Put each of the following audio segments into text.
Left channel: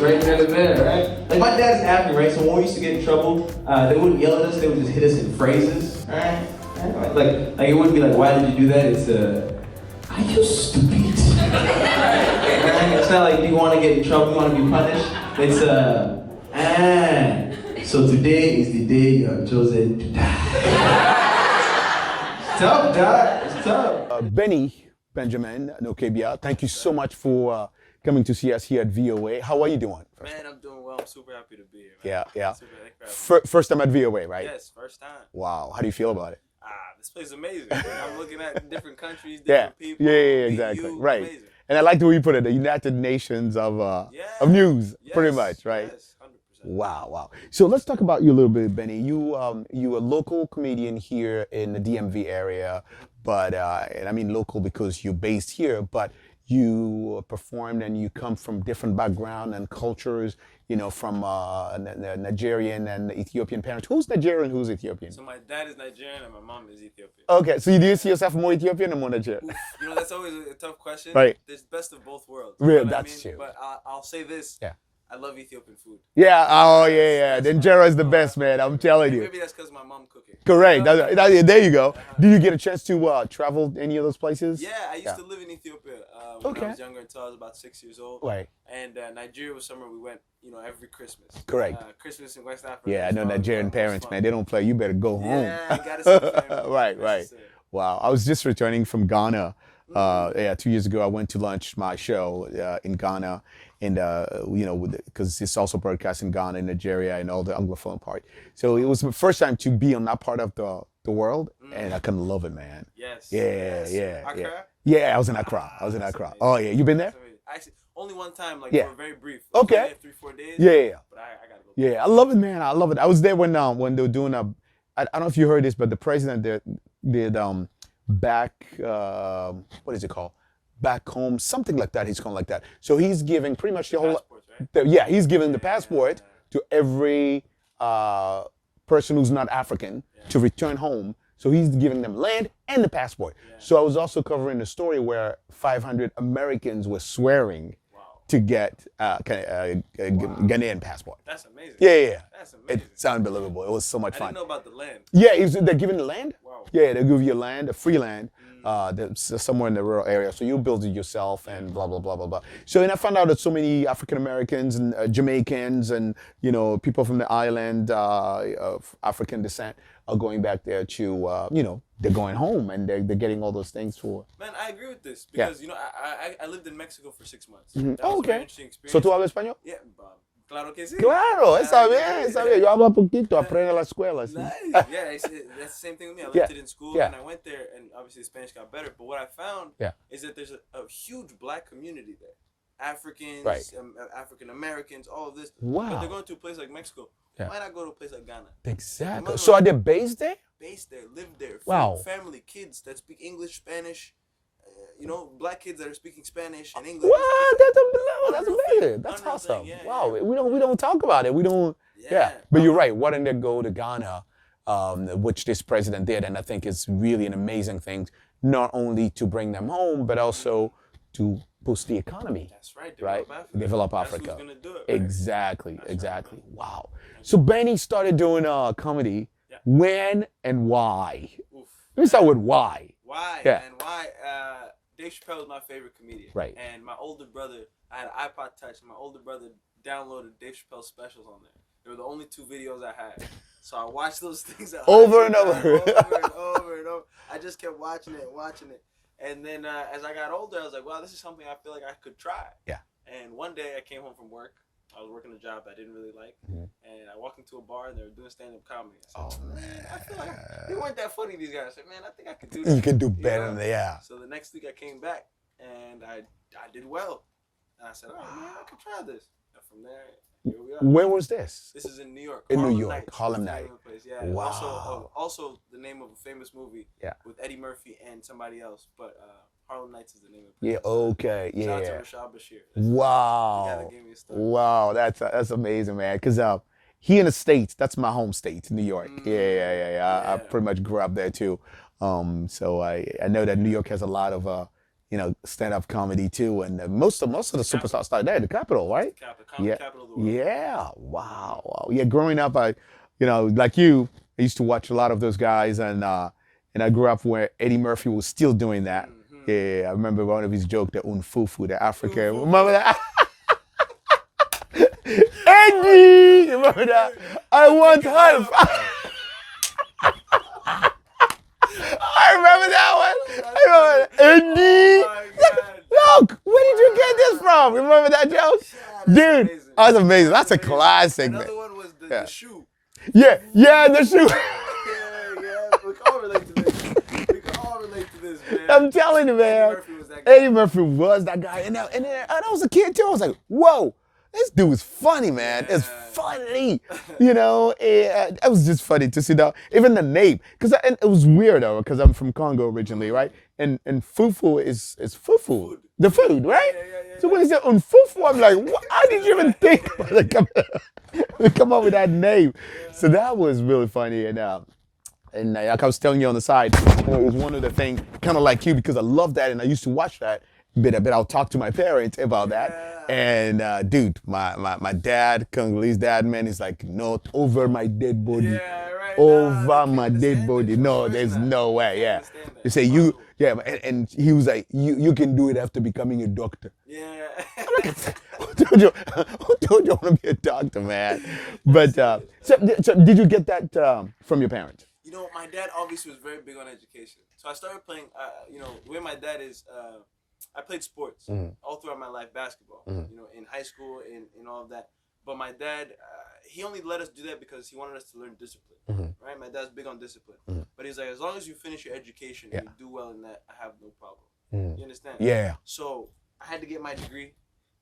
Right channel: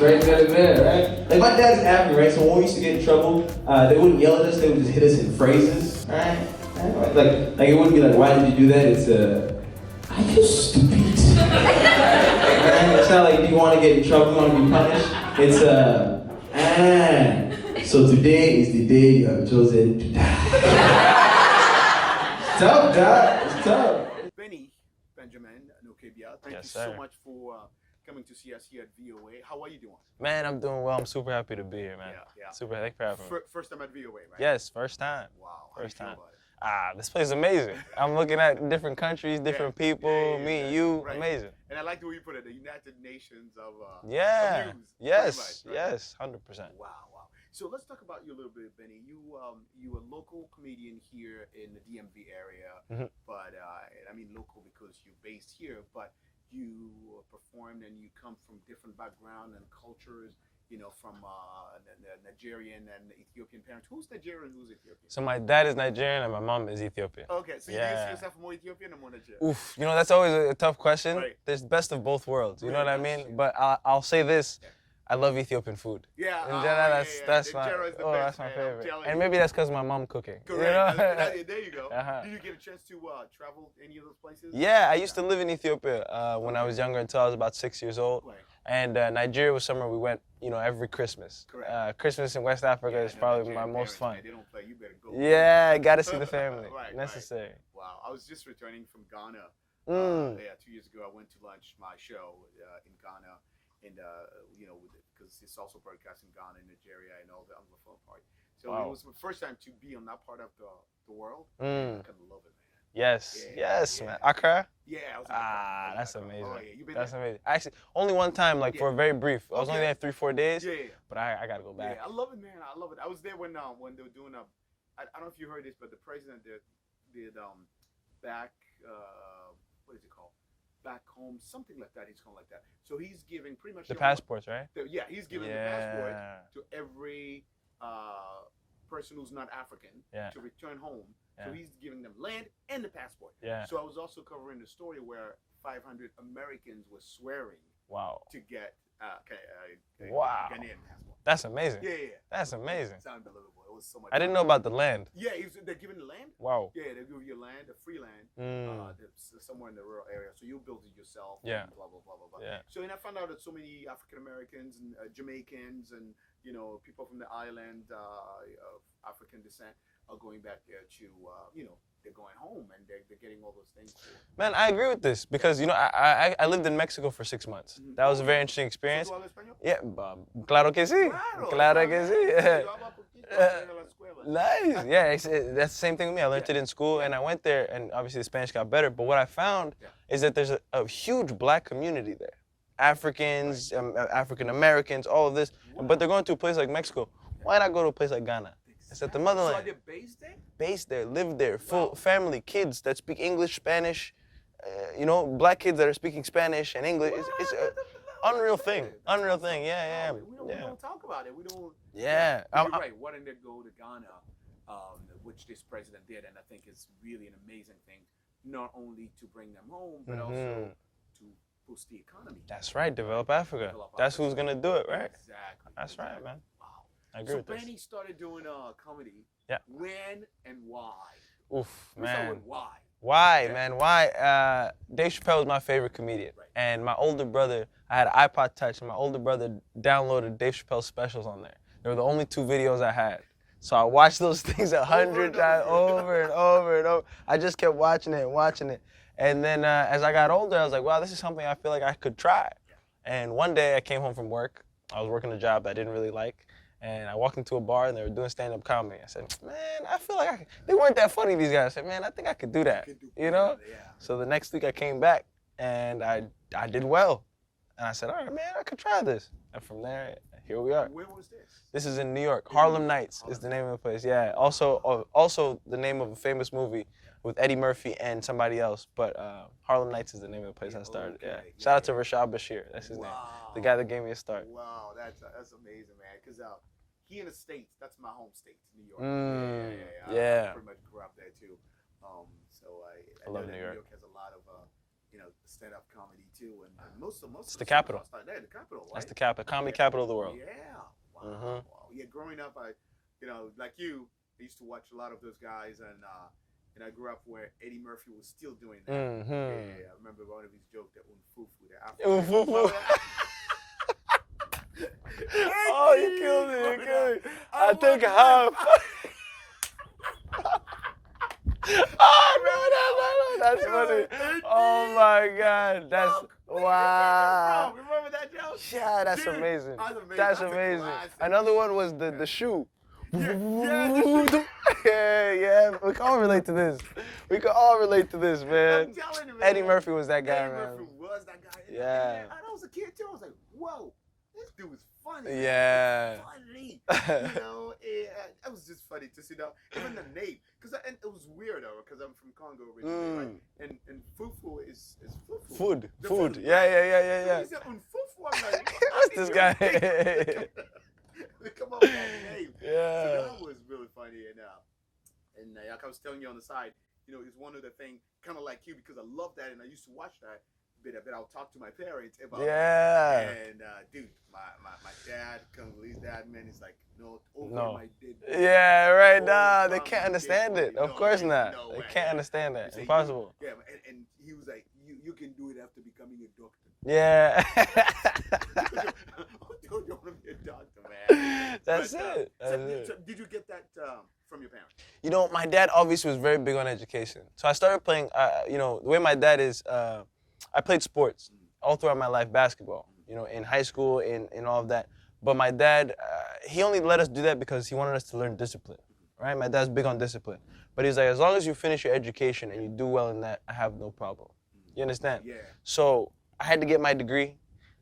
right then and there, right? Like my dad's African, right? So when we used to get in trouble, they wouldn't yell at us, they would just hit us in phrases, right? Like it wouldn't be like, why did you do that? It's are you stupid? Right? It's not like you want to get in trouble, you want to be punished. It's so today is the day you have chosen to die. It's tough, God. It's tough. Benny Benjamin Nwokeabia, thank you so much for coming to see us here at VOA. How are you doing? Man, I'm doing well. I'm super happy to be here, man. Yeah, yeah. Super happy for having me. First time at VOA, right? Yes, first time. Wow. How do you feel about it? This place is amazing. I'm looking at different countries, different people, meet exactly. you, right. amazing. And I like the way you put it, the United Nations of news, pretty much, right? Yes, 100%. Wow, wow. So let's talk about you a little bit, Benny. You a local comedian here in the DMV area, but and I mean local because you're based here, but you performed and you come from different background and cultures, you know, from Nigerian and Ethiopian parents. Who's Nigerian, who's Ethiopian? So my dad is Nigerian and my mom is Ethiopian. Okay, so you do you see yourself more Ethiopian or more Nigerian? Oof, you know, that's always a tough question. Right. There's best of both worlds. Really, You know what I that's mean? true. But I'll say this. Yeah. I love Ethiopian food. Yeah, That's The my- injera is the oh, best, that's my man. I'm favorite. telling And you. maybe that's because my mom cooking. Correct. You know? There you go. Did you get a chance to travel any of those places? Yeah, I used to live in Ethiopia when I Okay. was younger until I was about 6 years old. Right. And Nigeria was somewhere we went, you know, every Christmas. Correct. Christmas in West Africa. Yeah, I is know probably Nigerian my most parents, fun. man. They don't play. You better go home. Yeah, gotta see the family. Right. Necessary. Wow. I was just returning from Ghana. 2 years ago, I went to launch my show in Ghana, and you know, because it's also broadcast in Ghana, Nigeria, and all the Anglophone part. So it was the first time to be on that part of the world, and I can love it, man. Yes. Yeah, Yes. yeah, Accra? Yeah, I was in Accra. That's amazing. Oh yeah, you been That's there? amazing. Actually, only one time, like Yeah. for a very brief. I was Okay. only there 3-4 days. Yeah. But I gotta go back. Yeah, I love it, man. I love it. I was there when they were doing I don't know if you heard this, but the president did back what is it called? Back home, something like that. He's called like that. So he's giving pretty much The whole passports, right? yeah, he's giving the Yeah. passport to every person who's not African to return home. So he's giving them land and the passport. Yeah. So I was also covering the story where 500 Americans were swearing Wow. to get Ghanaian passport. That's amazing. Yeah. That's amazing. It's unbelievable. It was so much I fun. didn't know about the land. Yeah, they're giving the land. Wow. Yeah, they give you land, a free land, that's somewhere in the rural area. So you build it yourself and blah, blah, blah, blah, blah. So then I found out that so many African Americans and Jamaicans and, you know, people from the island of African descent are going back there to, you know, they're going home and they're getting all those things for. Man, I agree with this because, you know, I lived in Mexico for 6 months. That was a very interesting ¿So experience. tú hablas español? Yeah, claro que sí. Claro, esa Claro que vez. sí. Yo hablo poquito, aprendo en la escuela. sí. Nice. Yeah, that's the same thing with me. I learned Yeah. it in school, Yeah. and I went there, and obviously the Spanish got better. But what I found is that there's a huge black community there. Africans, African Americans, all of this. Wow. But they're going to a place like Mexico. Why not go to a place like Ghana? Exactly. motherland. So are they based there? Based there, live there, Wow. family, kids that speak English, Spanish, you know, black kids that are speaking Spanish and English. What? It's That's unreal amazing. thing. That's Unreal awesome. thing. Yeah, Wow. yeah. We don't talk about it. We don't. Yeah. But you're right. Why didn't they go to Ghana, which this president did, and I think it's really an amazing thing, not only to bring them home, but also to boost the economy. That's right. Develop Africa. Develop That's Africa. who's gonna do it. Right? Exactly. That's exactly. Right, Wow. agree. So Benny started doing comedy. Yeah. When and why? Oof. Let me start man. with why. Why, Yeah. man? Why? Dave Chappelle was my favorite comedian. Right. And my older brother, I had an iPod Touch, and my older brother downloaded Dave Chappelle's specials on there. They were the only 2 videos I had. So I watched those things Over and times, over. over and over and over. I just kept watching it and watching it. And then as I got older, I was like, wow, this is something I feel like I could try. Yeah. And one day I came home from work. I was working a job that I didn't really like. And I walked into a bar and they were doing stand-up comedy. I said, man, I feel like they weren't that funny, these guys. I said, man, I think I could do that. You can do You better know? than that. Yeah. So the next week I came back and I did well. And I said, all right, man, I could try this. And from there, here we are. Where was this? This is in New York. In New Harlem York, Nights Harlem is the name Nights. of the place. Yeah. Wow. Also the name of a famous movie Yeah. with Eddie Murphy and somebody else. But Harlem Nights is the name of the place. Yeah, I started. okay, Shout out to yeah. Rashad Bashir. That's Wow. the guy that gave me a start. Wow, that's amazing, man. Because here in the States, that's my home state, New York. Yeah. I Yeah. pretty much grew up there too. So I know that New York has a lot of stand-up comedy too, and most of the superstars started there, the capital, right? It's the comedy capital of the world. Yeah, wow, wow. Yeah, growing up, like you, I used to watch a lot of those guys, and I grew up where Eddie Murphy was still doing that. Yeah, I remember one of his jokes, the unfufu, the African. Remember that? Eddie, remember that? I want help. I remember that one. Eddie. Oh my God. Look, where did you get this from? Remember that joke? Yeah, that's Dude, amazing. that's amazing. That's a amazing. classic. Another one was the shoe. Yeah, the shoe. yeah. We can all relate to this. Man. I'm telling you, man. Eddie Murphy was that guy. Eddie Murphy was that guy. And I was a kid too. I was like, whoa. This dude is funny, man. Yeah. It's funny. It was just funny to see that. Even the name. Because it was weird, though, because I'm from Congo originally, right? And fufu is fufu. Food. The food, right? Yeah. So when he said fufu, I'm like, what? How did you even think to come up with that name? Yeah. So that was really funny. And like I was telling you on the side, it was one of the things, kind of like you, because I love that and I used to watch that. But I'll talk to my parents about that. And dude, my dad, Congolese dad, man, is like, not over my dead body. Yeah, right. Over my dead body. No, there's no way. Can't understand that. They say and he was like, you can do it after becoming a doctor. Yeah. Who told you I want to be a doctor, man? So did you get that from your parents? My dad obviously was very big on education. So I started playing, the way my dad is, I played sports all throughout my life, basketball, in high school, in all of that. But my dad, he only let us do that because he wanted us to learn discipline, right? My dad's big on discipline. But he's like, as long as you finish your education and you do well in that, I have no problem. You understand? Yeah. So I had to get my degree.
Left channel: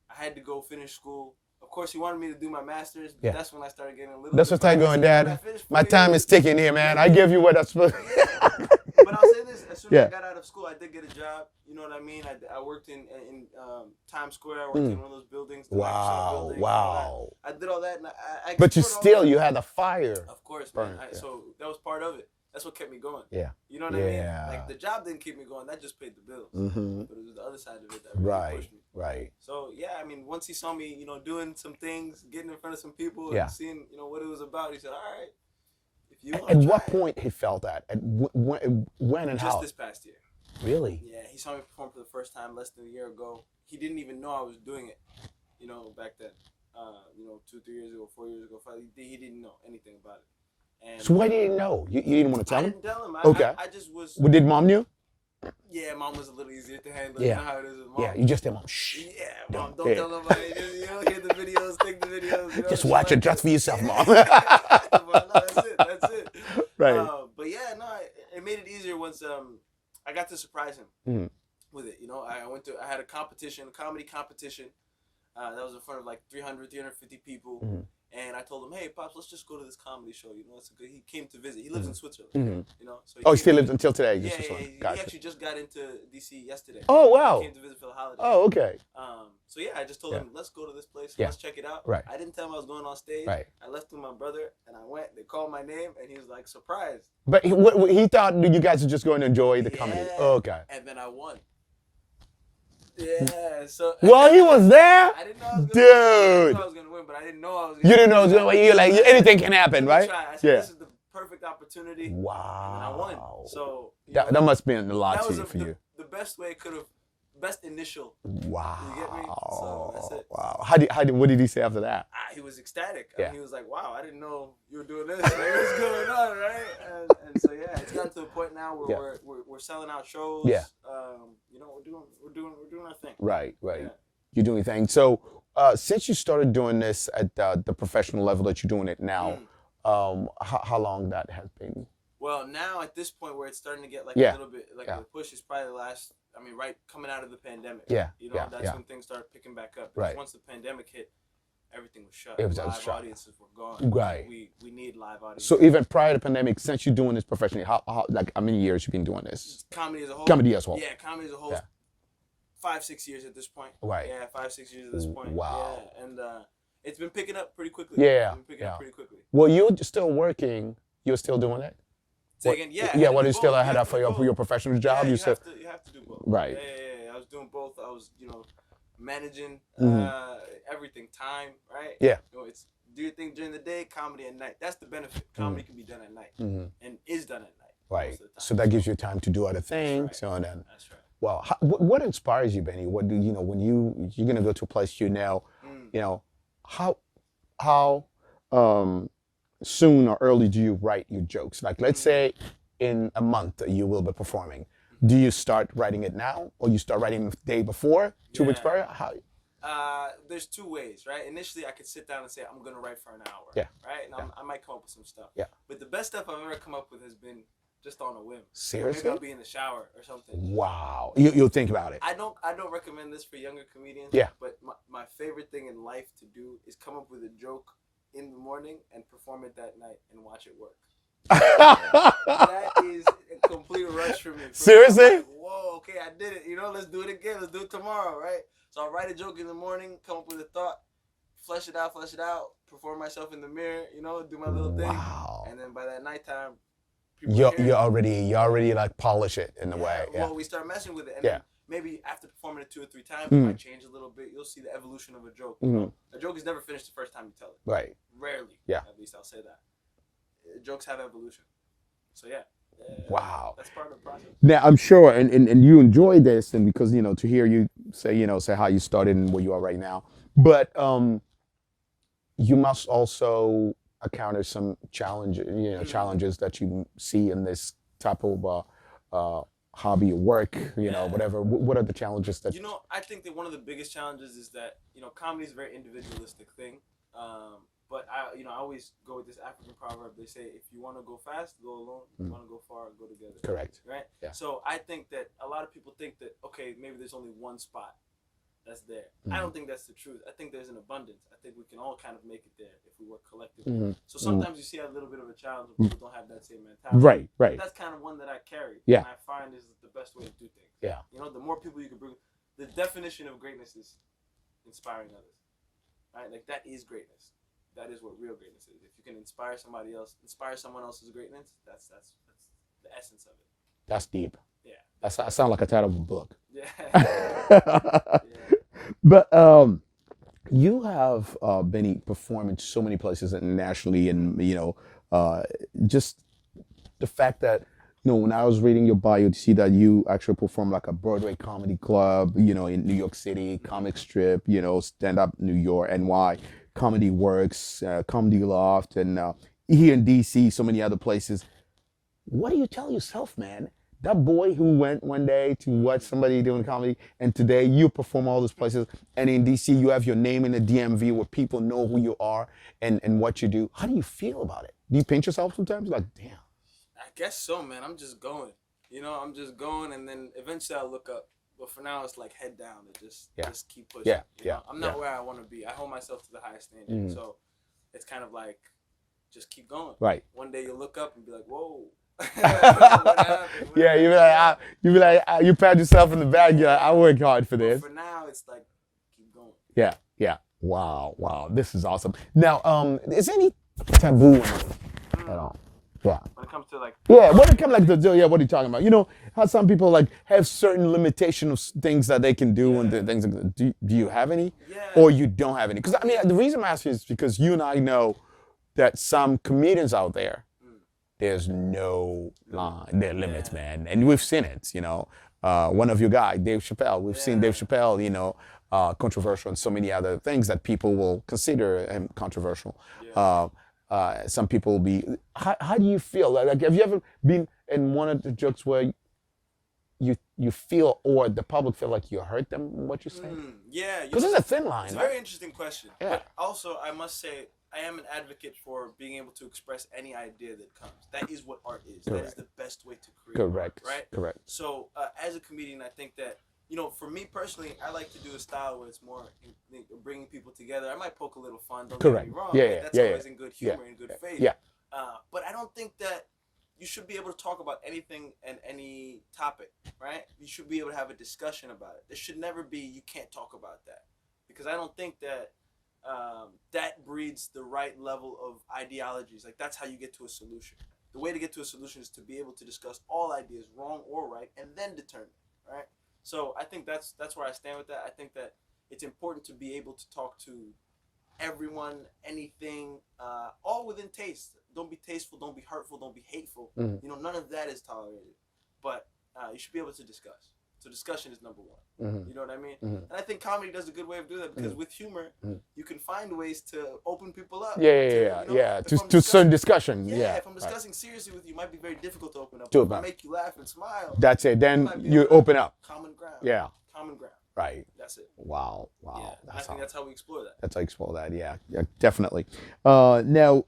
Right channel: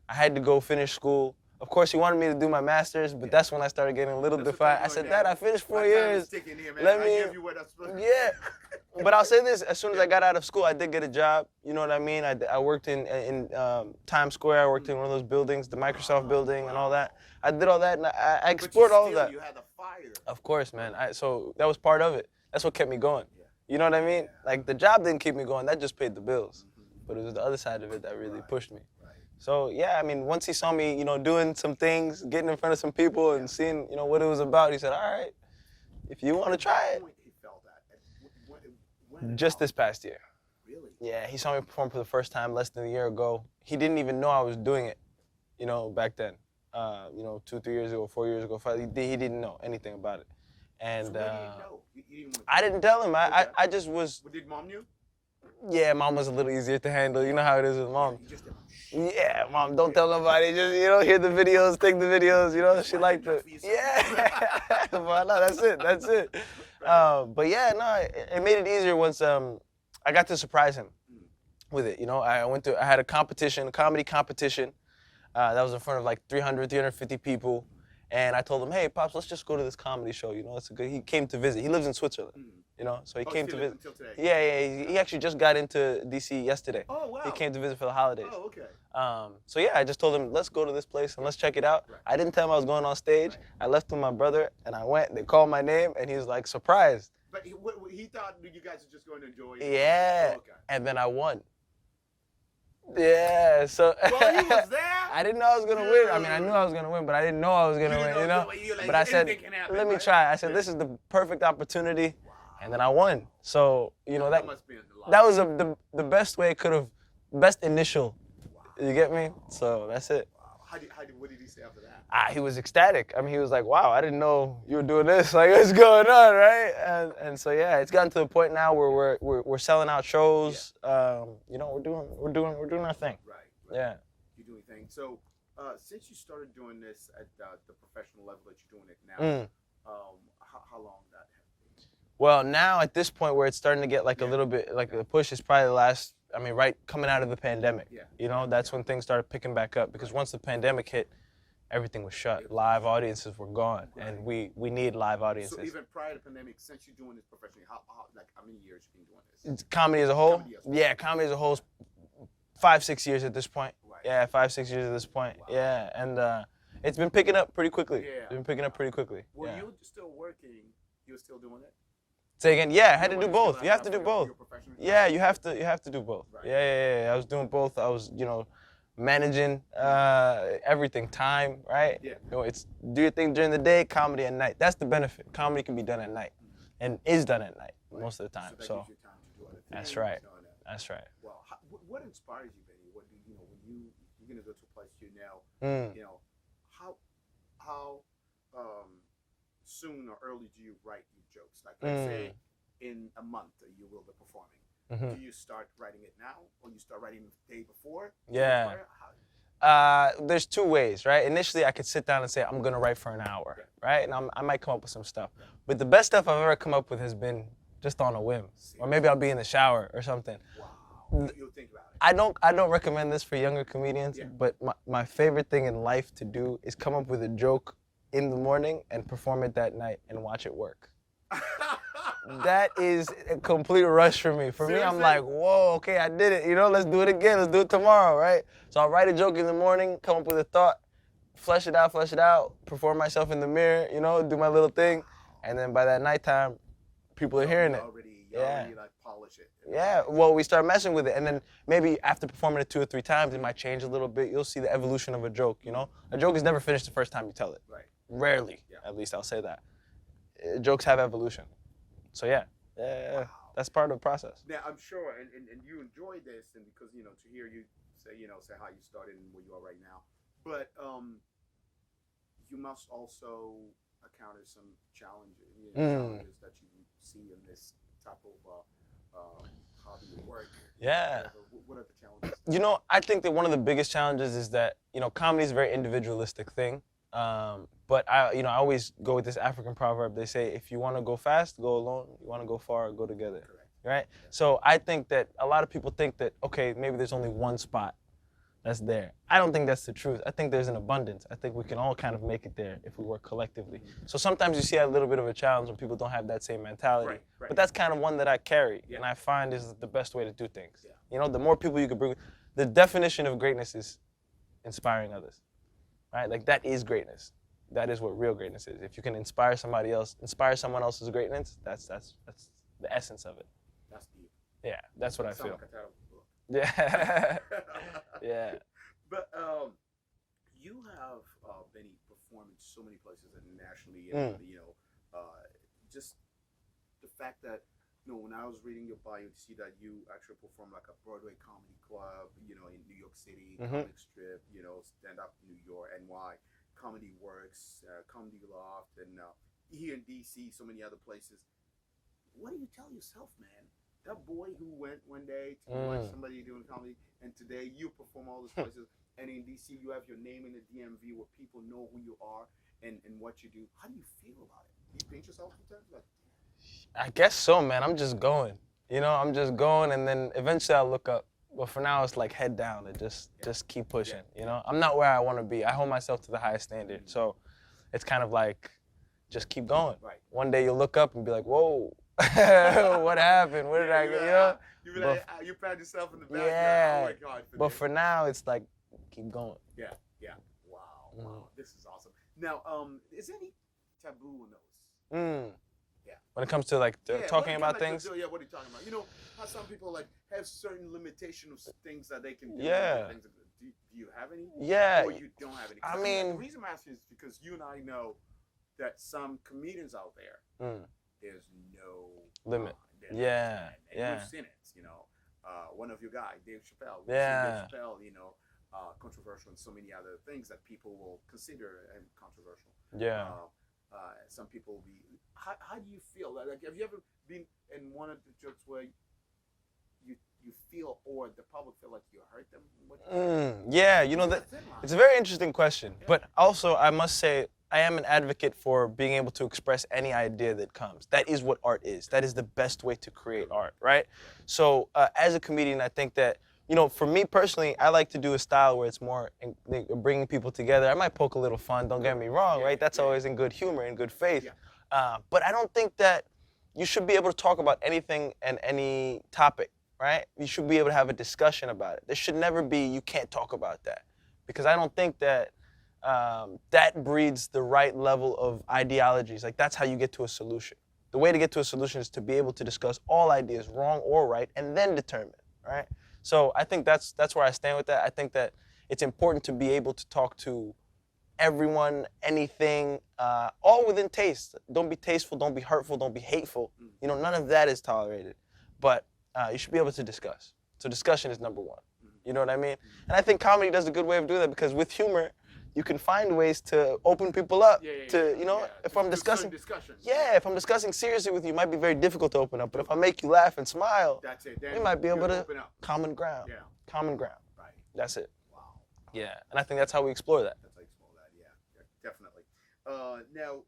I had to go finish school. Of course, he wanted me to do my master's, but that's when I started getting a little That's bit what I'm going, Dad. My time is ticking here, man. I give you what I'm supposed to. Yeah. But I'll say this, as soon as I got out of school, I did get a job, you know what I mean? I worked in Times Square, I worked in one of those buildings, the Microsoft building and all that. I did all that, and I But you explored all still, that. you had the fire. Of course, man. So that was part of it. That's what kept me going. Yeah. You know what I mean? Yeah. Like, the job didn't keep me going, that just paid the bills. But it was the other side of it that really pushed me. Right. So, yeah, I mean, once he saw me, doing some things, getting in front of some people and seeing, what it was about, he said, all right. If you want to try At what point he felt that? When and just how? this past year. Really? Yeah, he saw me perform for the first time less than a year ago. He didn't even know I was doing it, back then. 2, 3 years ago, 4 years ago, 5. He didn't know anything about it. And so why didn't you know? You didn't want to tell him? I didn't tell him. I just was. Well, did mom knew? Yeah, mom was a little easier to handle. You know how it is with mom. Yeah, you just tell mom, shh. Yeah, mom, don't tell nobody. Just, hear the videos, take the videos, Just watch it just for yourself, Mom. Well, no, that's it. Right. But yeah, no, it made it easier once I got to surprise him with it. I had a competition, a comedy competition, that was in front of like 300, 350 people. And I told him, hey, Pops, let's just go to this comedy show. It's a good. He came to visit. He lives in Switzerland. So he still lives until today? Yeah, he actually just got into DC yesterday. Oh, wow. He came to visit for the holidays. Oh, okay. So yeah, I just told him, let's go to this place and let's check it out. Right. I didn't tell him I was going on stage. Right. I left with my brother and I went. They called my name and he was like surprised. But he thought you guys were just going to enjoy the comedy. Oh, okay. And then I won. Yeah, so. Well, he was there? I didn't know I was going to win. I knew I was going to win, but I didn't know I was going to win. You didn't know I was going to win. You're like, anything can happen, right? Let me try. I said, this is the perfect opportunity. Wow. And then I won. So, that must be in the lot. That was the best way it could have, best initial. Wow. You get me? So that's it. Wow. What did he say after that? He was ecstatic. I mean, he was like, wow, I didn't know you were doing this. Like, what's going on, right? And so, yeah, it's gotten to the point now where we're selling out shows. Yeah. We're doing our thing. Right. Yeah. You're doing things. So, since you started doing this at the professional level that you're doing it now, how long that has been? Well, now at this point where it's starting to get like a little bit, like the push is probably the last, right coming out of the pandemic. Yeah. That's when things started picking back up because once the pandemic hit, everything was shut. Live audiences were gone. Right. We need live audiences. So even prior to the pandemic, since you're doing this professionally, how many years you been doing this? Comedy as a whole? Comedy as a whole. Yeah, comedy as a whole. 5, 6 years at this point. Right. Yeah, 5, 6 years at this point. Wow. Yeah, and it's been picking up pretty quickly. Yeah. It's been picking up pretty quickly. Well, you're still working. You're still doing that? Say again, yeah, I had yeah, to while do you both. still You had have that to do for both. your professional job. Yeah, you you have to do both. Right. Yeah. I was doing both. I was, managing everything, time, right? Yeah. It's do your thing during the day, comedy at night. That's the benefit. Comedy can be done at night, and is done at night most of the time. So that gives you time to do other things. That's right. So then, That's right. well, what inspires you, Benny? What do you know when you're gonna go to a place how soon or early do you write your jokes? Like, let's say in a month you will be performing. Do you start writing it now, or you start writing the day before to inspire? How? There's two ways, right? Initially, I could sit down and say, I'm gonna write for an hour, right? And I might come up with some stuff. Yeah. But the best stuff I've ever come up with has been just on a whim. Seriously? Or maybe I'll be in the shower or something. Wow. You'll think about it. I don't recommend this for younger comedians. Yeah. But my favorite thing in life to do is come up with a joke in the morning and perform it that night and watch it work. That is a complete rush for me. Seriously? Me, I'm like, whoa, okay, I did it. Let's do it again. Let's do it tomorrow, right? So I'll write a joke in the morning, come up with a thought, flesh it out, perform myself in the mirror, do my little thing. And then by that nighttime, people are hearing it. You already like polish it in a way. Yeah, well, we start messing with it. And then maybe after performing it 2 or 3 times, it might change a little bit. You'll see the evolution of a joke, A joke is never finished the first time you tell it. Right. Rarely. Yeah. At least I'll say that. Jokes have evolution. So yeah. Wow. That's part of the process. Now I'm sure, and you enjoy this, and because to hear you say how you started and where you are right now, but you must also encounter some challenges that you see in this type of hobby or work, whatever. What are the challenges that I think that one of the biggest challenges is that comedy is a very individualistic thing. But I always go with this African proverb. They say, if you want to go fast, go alone. If you want to go far, go together. Correct. Right? Yeah. So I think that a lot of people think that, okay, maybe there's only one spot that's there. I don't think that's the truth. I think there's an abundance. I think we can all kind of make it there if we work collectively. So sometimes you see a little bit of a challenge when people don't have that same mentality. Right. But that's kind of one that I carry. Yeah. And I find is the best way to do things. Yeah. The more people you can bring. The definition of greatness is inspiring others. Right? Like that is greatness. That is what real greatness is. If you can inspire somebody else, inspire someone else's greatness, that's the essence of it. That's deep. Yeah. That sounds like a title of a book. Yeah. Yeah. But you have Benny performed in so many places internationally, and just the fact that when I was reading your bio to see that you actually perform like a Broadway comedy club, in New York City, comic strip, stand up New York, NY. Comedy Works, Comedy Loft, and here in DC, so many other places. What do you tell yourself, man? That boy who went one day to watch somebody doing comedy, and today you perform all those places, and in DC you have your name in the DMV where people know who you are and what you do. How do you feel about it? Do you pinch yourself sometimes? Like, damn. I guess so, man. I'm just going. I'm just going, and then eventually I'll look up. But for now, it's like head down and just keep pushing. I'm not where I want to be. I hold myself to the highest standard. So it's kind of like, just keep going. Right. One day you'll look up and be like, whoa, what happened? You be like, you pat yourself in the back. Yeah, I work hard for this. But for now, it's like, keep going. Yeah. Wow. This is awesome. Now, is there any taboo? Yeah. When it comes to like. Yeah. What are you talking about? How some people like have certain limitations of things that they can do and things. Do you have any? Yeah. Or you don't have any? Because the reason I'm asking is because you and I know that some comedians out there, there's no limits, man, and we've seen it. One of your guys, Dave Chappelle. We've seen Dave Chappelle. Controversial and so many other things that people will consider him controversial. Yeah. Some people will be. How do you feel? Like, have you ever been in one of the jokes where you feel or the public feel like you hurt them in what you say? Yeah, This is a thin line. It's a very interesting question, but also I must say I am an advocate for being able to express any idea that comes. That is what art is. That is the best way to create art, right? Correct. So as a comedian, I think that for me personally, I like to do a style where it's more bringing people together. I might poke a little fun, don't get me wrong, right? That's always in good humor, in good faith. Yeah. But I don't think that you should be able to talk about anything and any topic, right? You should be able to have a discussion about it. There should never be, you can't talk about that. Because I don't think that that breeds the right level of ideologies. Like, that's how you get to a solution. The way to get to a solution is to be able to discuss all ideas, wrong or right, and then determine, right? So I think that's where I stand with that. I think that it's important to be able to talk to everyone, anything, all within taste. Don't be tasteful, don't be hurtful, don't be hateful. You know, none of that is tolerated. But you should be able to discuss. So discussion is number one. You know what I mean? And I think comedy does a good way of doing that because with humor, you can find ways to open people up. To certain discussions. Yeah, if I'm discussing seriously with you, it might be very difficult to open up. But if I make you laugh and smile, that's it. Then you open up. Common ground. Yeah. Common ground. Right. That's it. Wow. Yeah, and I think that's how we explore that. That's how you explore that. Yeah, definitely. Now,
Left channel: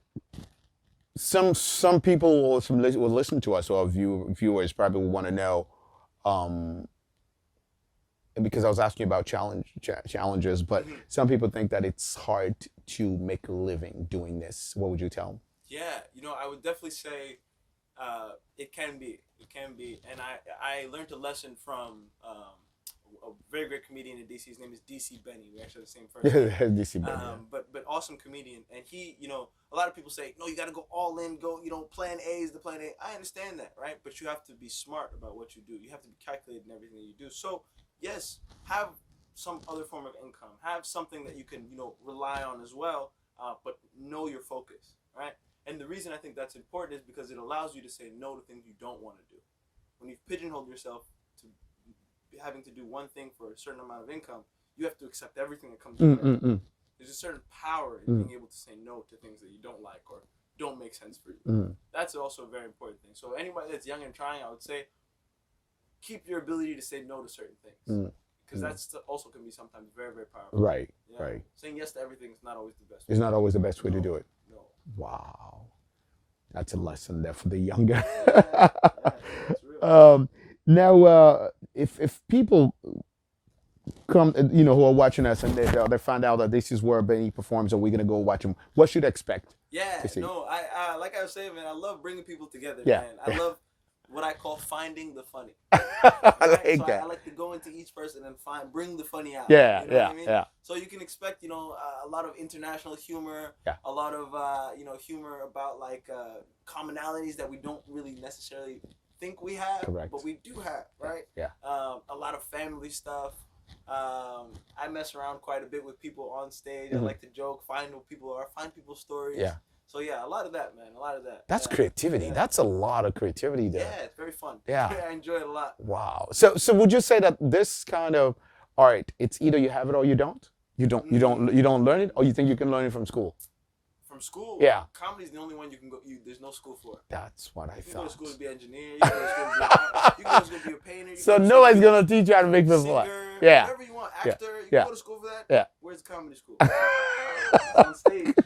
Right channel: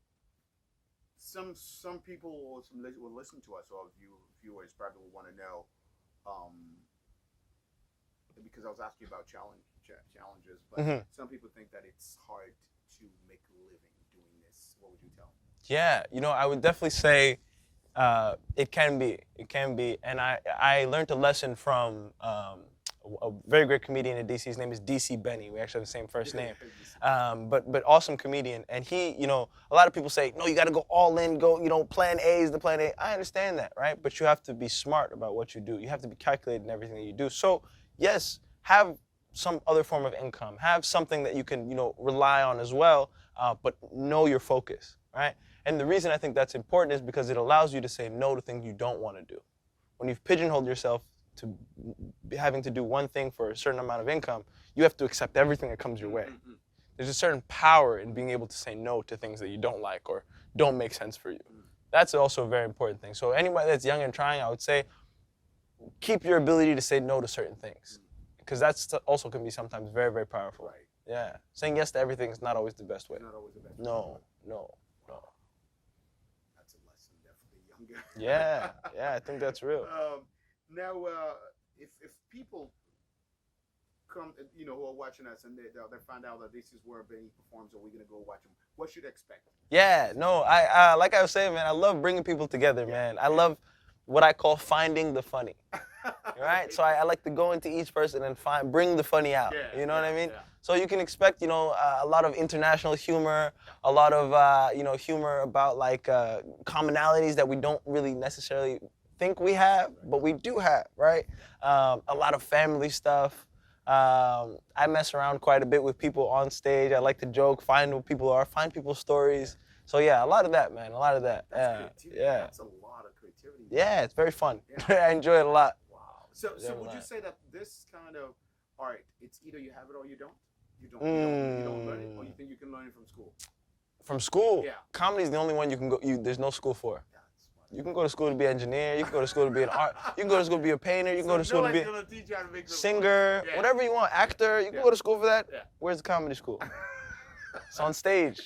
some people or will listen to us, or viewers probably will want to know, because I was asking you about challenges, but some people think that it's hard to make a living doing this. What would you tell them? Yeah, I would definitely say it can be. It can be, and I learned a lesson from a very great comedian in DC. His name is Benny. We actually have the same first name. DC Benny. But awesome comedian. And he, a lot of people say, no, you got to go all in, go, plan A is the plan A. I understand that, right? But you have to be smart about what you do. You have to be calculated in everything that you do. So, yes, have some other form of income. Have something that you can, rely on as well, but know your focus, right? And the reason I think that's important is because it allows you to say no to things you don't want to do. When you've pigeonholed yourself to having to do one thing for a certain amount of income, you have to accept everything that comes your way. There's a certain power in being able to say no to things that you don't like or don't make sense for you. That's also a very important thing. So anybody that's young and trying, I would say, keep your ability to say no to certain things. Because that's also can be sometimes very, very powerful. Right. Yeah. Right. Saying yes to everything is not always the best way. It's not always the best way to do it. No. Wow. That's a lesson there for the younger. Yeah, I think that's real. Now, if people come, who are watching us and they find out that this is where Benny performs, and we're gonna go watch him, what should they expect? Yeah, no, I like I was saying, man, I love bringing people together, man. I love what I call finding the funny. Right? So I like to go into each person and bring the funny out. Yeah, you know what I mean? Yeah. So you can expect, a lot of international humor, a lot of, humor about like commonalities that we don't really necessarily think we have, but we do have, right? Yeah. A lot of family stuff. I mess around quite a bit with people on stage. I like to joke, find what people are, find people's stories. Yeah. So yeah, a lot of that, man, a lot of that. That's creativity. Yeah. That's a lot of creativity there. Yeah, it's very fun. Yeah. I enjoy it a lot. Wow. So would you say that this kind of art, it's either you have it or you don't? You don't learn it, or you think you can learn it from school? From school? Yeah. Comedy is the only one you can go. There's no school for. That's what I. You can go to school to be an engineer. You can go to school to be an art. You can go to school to be a painter. You can so go to nobody's gonna teach you how to make them singer. Yeah. Whatever you want. Actor. You can go to school for that. Yeah. Where's the comedy school? It's on stage.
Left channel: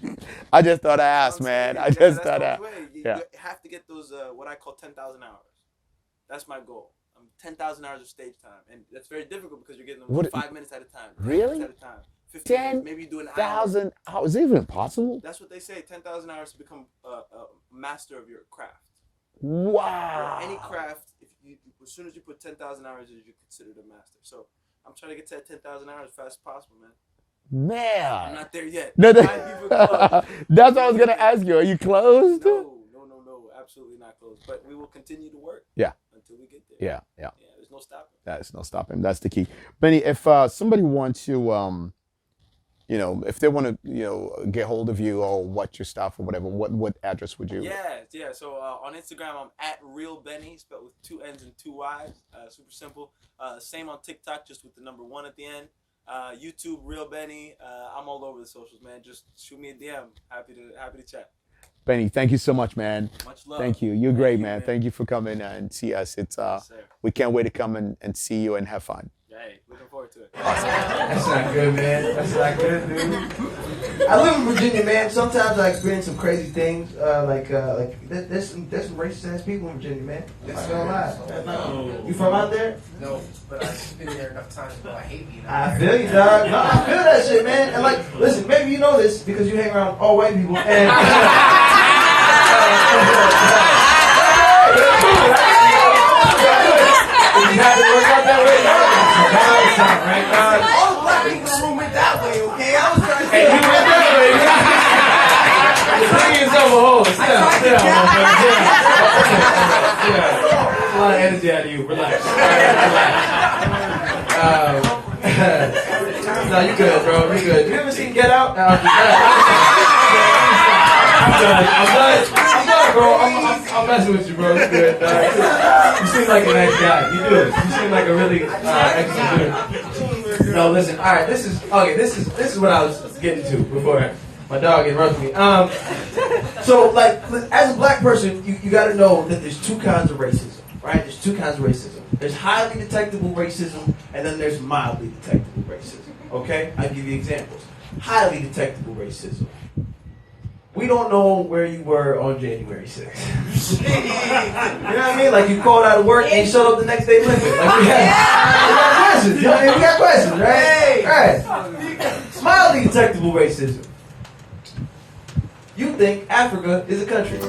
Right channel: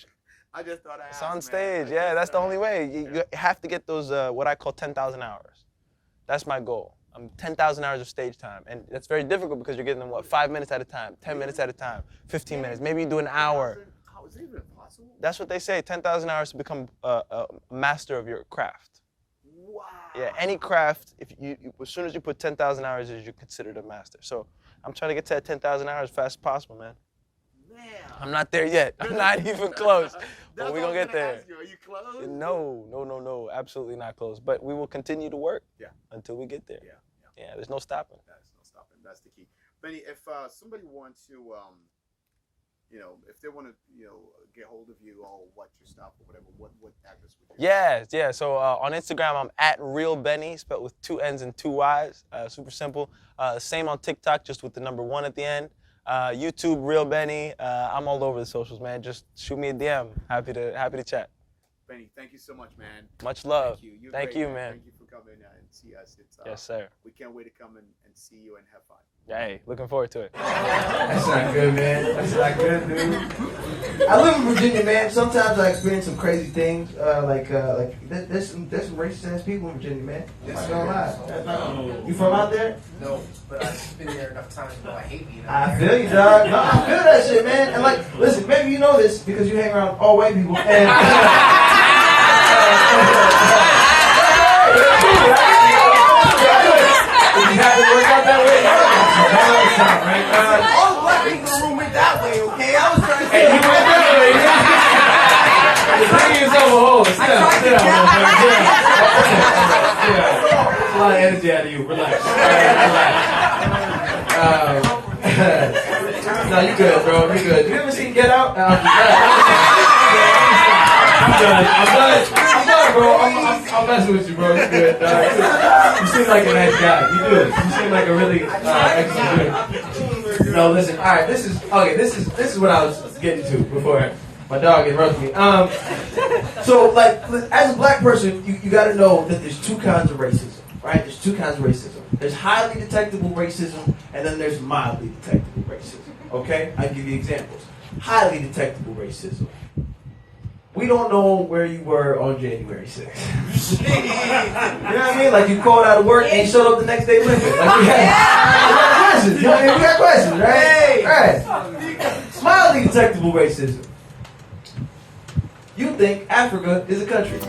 I just thought I asked, man. That's the only way. You have to get those what I call 10,000 hours. That's my goal. 10,000 hours of stage time, and that's very difficult because you're getting them 5 minutes at a time, 10 minutes at a time, 15 minutes, maybe you do an hour. 10,000 hours? Is it even possible? That's what they say. 10,000 hours to become a master of your craft. Wow. Yeah, any craft, as soon as you put 10,000 hours, you're considered a master. So I'm trying to get to that 10,000 hours as fast as possible, man. Man. I'm not there yet. No, not even close. That's what I was going to ask you. Are you close? No. Absolutely not close. But we will continue to work until we get there. Yeah. There's no stopping. There's no stopping. That's the key. Benny, if somebody wants to, if they want to, get hold of you or watch your stuff or whatever, what address would you? Yeah. So on Instagram, I'm at Real Benny, spelled with 2 N's and 2 Y's. Super simple. Same on TikTok, just with the number 1 at the end. YouTube, Real Benny. I'm all over the socials, man. Just shoot me a DM. Happy to chat. Benny, thank you so much, man. Much love. Thank you. You're great, man. Thank you for coming and see us. It's yes, sir. We can't wait to come and see you and have fun. Hey, looking forward to it. That's not good, man. That's not good, dude. I live in Virginia, man. Sometimes I experience some crazy things. There's some racist ass people in Virginia, man. I'm not gonna lie. You from out there? No, but I've been there enough times to know I hate you. I feel you, dog. No, I feel that shit, man. And listen, maybe you know this because you hang around all white people. And you have to work out that way. Right? All the black people in the room went that way, okay? I was trying to say you went that way. The thing is, though, whoa, sit down, That's a lot of energy out of you. Relax. No, you good, bro. You good. You ever seen Get Out? No, I'm good, bro. I'm messing with you, bro. It's good. You seem like a nice guy. You do. You seem like a really excellent dude. No, listen. All right, this is what I was getting to before my dog interrupted me. So, like, as a black person, you got to know that there's two kinds of racism, right? There's two kinds of racism. There's highly detectable racism, and then there's mildly detectable racism. Okay, I'll give you examples. Highly detectable racism. We don't know where you were on January 6th. You know what I mean? Like, you called out of work and showed up the next day limping. Like, we got questions. You know what I mean? We got questions, right? Right. Mildly detectable racism. You think Africa is a country.